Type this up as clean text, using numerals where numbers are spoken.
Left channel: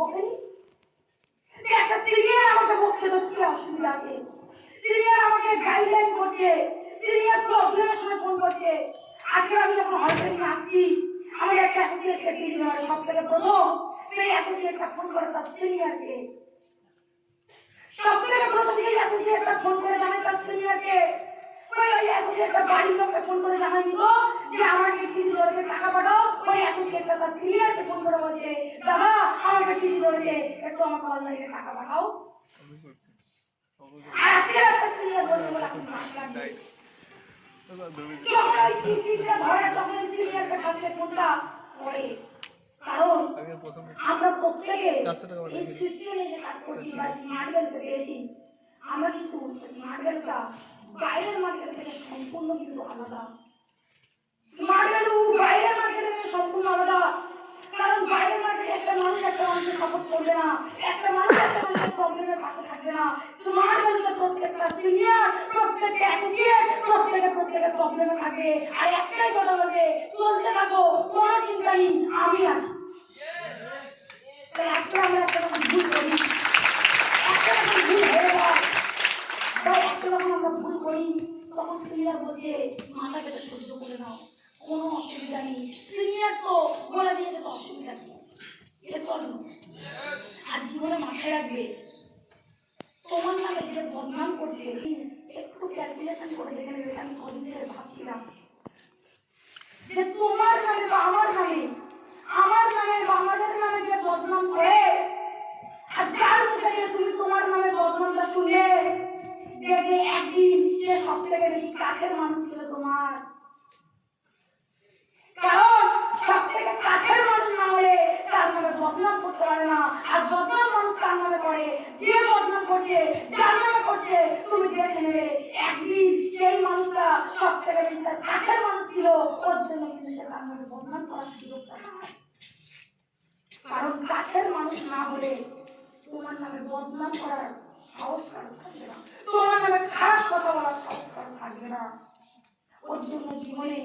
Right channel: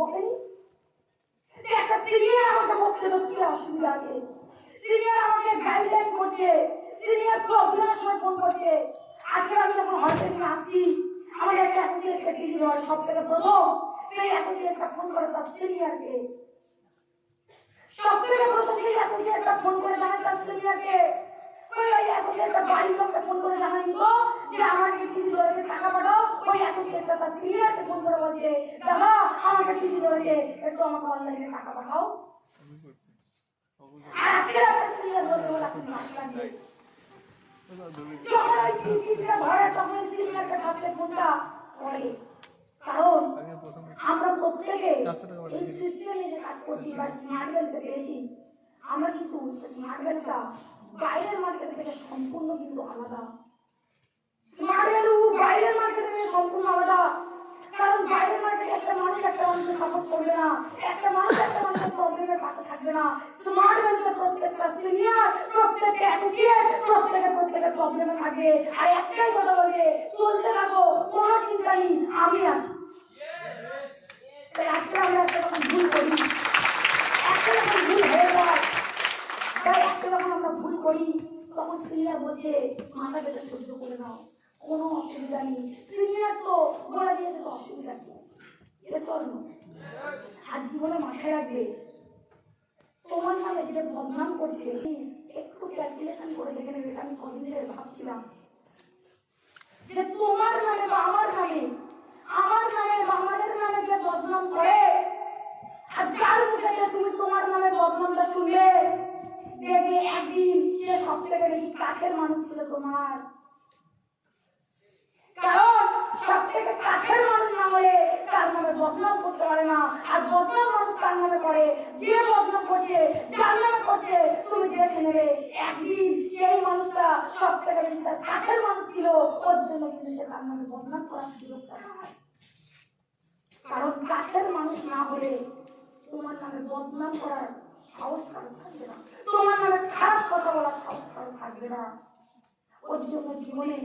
বকেনি? একটা সিনিয়র আমাকে বকছে তো কি অসুবিধা আছে? সিনিয়র আমাকে গাইডলাইন করছে, সিনিয়র প্রবলেমের সময় ফোন করছে। আজকে আমি যখন হয়তো আসছি, আমাদের একটা অ্যাসোসিয়েটকে দিদি হয় সব থেকে প্রথম, সেই অ্যাসোসিয়েটটা ফোন করে তার সিনিয়রকে, সব থেকে প্রথম সেই অ্যাসোসিয়েটটা ফোন করে জানায় তার সিনিয়রকে, ওই অ্যাসোসিয়েটটা বাড়ির লোককে ফোন করে জানায়নি তো যে আমাকে টিভি ধরেছে টাকা পাঠাও। ওই অ্যাসোসিয়েটটা তার সিনিয়রকে ফোন করে বলছে, দাদা আমাকে টিভি ধরেছে, একটু আমাকে অনলাইনে টাকা পাঠাও। আর আজকে একটা সিনিয়র বলছে বলে আপনি মাস লাগবে, যখন ওই টিভিটা ধরে তখন ওই সিনিয়রকে হাতে ফোনটা করে। কারণ আমরা প্রত্যেকে এই সিস্টেমে যে কাজ করছি বা স্মার্ট ভ্যালুতে পেয়েছি, আমরা কিন্তু স্মার্ট ভ্যালুটা বাইরের মার্কেট থেকে সম্পূর্ণ কিন্তু আলাদা। স্মার্ট ভ্যালু বাইরের মার্কেট থেকে সম্পূর্ণ আলাদা। কারণ বাইরের মার্কেটে একটা মানুষ একটা মানুষকে সাপোর্ট করবে না, একটা মানুষ একটা মানুষের প্রবলেমের পাশে থাকবে না। স্মার্ট ভ্যালুতে প্রত্যেকটা সিনিয়র, প্রত্যেকটা অ্যাসোসিয়েট, প্রত্যেকের প্রবলেমে থাকবে। আর একটাই কথা বলবে, চলতে থাকো, কোনো চিন্তা নেই, আমি আছি। তাহলে আজকে আমরা একটা রকম ভুল করি, একটা রকম ভুল হয়ে যায়, তাই একটা যখন আমরা ভুল করি তখন সিনিয়র বলছে মাথা পেতে সহ্য করে নাও, কোনো অসুবিধা নেই। সিনিয়র তো বলে দিয়েছে তো অসুবিধা কি আছে, এটা চলো। আর জীবনে মাথায় রাখবে, তোমার নামে যে বদনাম করছে একটু ক্যালকুলেশন করে দেখে নেবে। আমি কদিন ধরে ভাবছিলাম যে তোমার নামে বা আমার নামে বা আমাদের নামে যে বদনাম করে, আর যার মুখে গিয়ে তুমি তোমার নামে বদনামটা শুনলে, দেখবে একদিন সে সব থেকে বেশি কাছের মানুষ ছিল তোমার। কারণ সব থেকে কাছের মানুষ না হলে তার নামে বদনাম করতে পারে না, আর বদনাম মানুষ তার নামে করে যে বদনাম করছে, যার নামে করছে। তুমি দেখে নেবে একদিন সেই মানুষটা সব থেকে বেশি তার কাছের মানুষ ছিল, ওর জন্য কিন্তু সে তার নামে বদনাম করার সুযোগটা পায়। কারণ কাছের মানুষ না হলে তোমার নামে বদনাম করার সাহস কারো থাকবে না, তোমার নামে খারাপ কথা বলার সাহস কারো থাকবে না। ওর জন্য জীবনে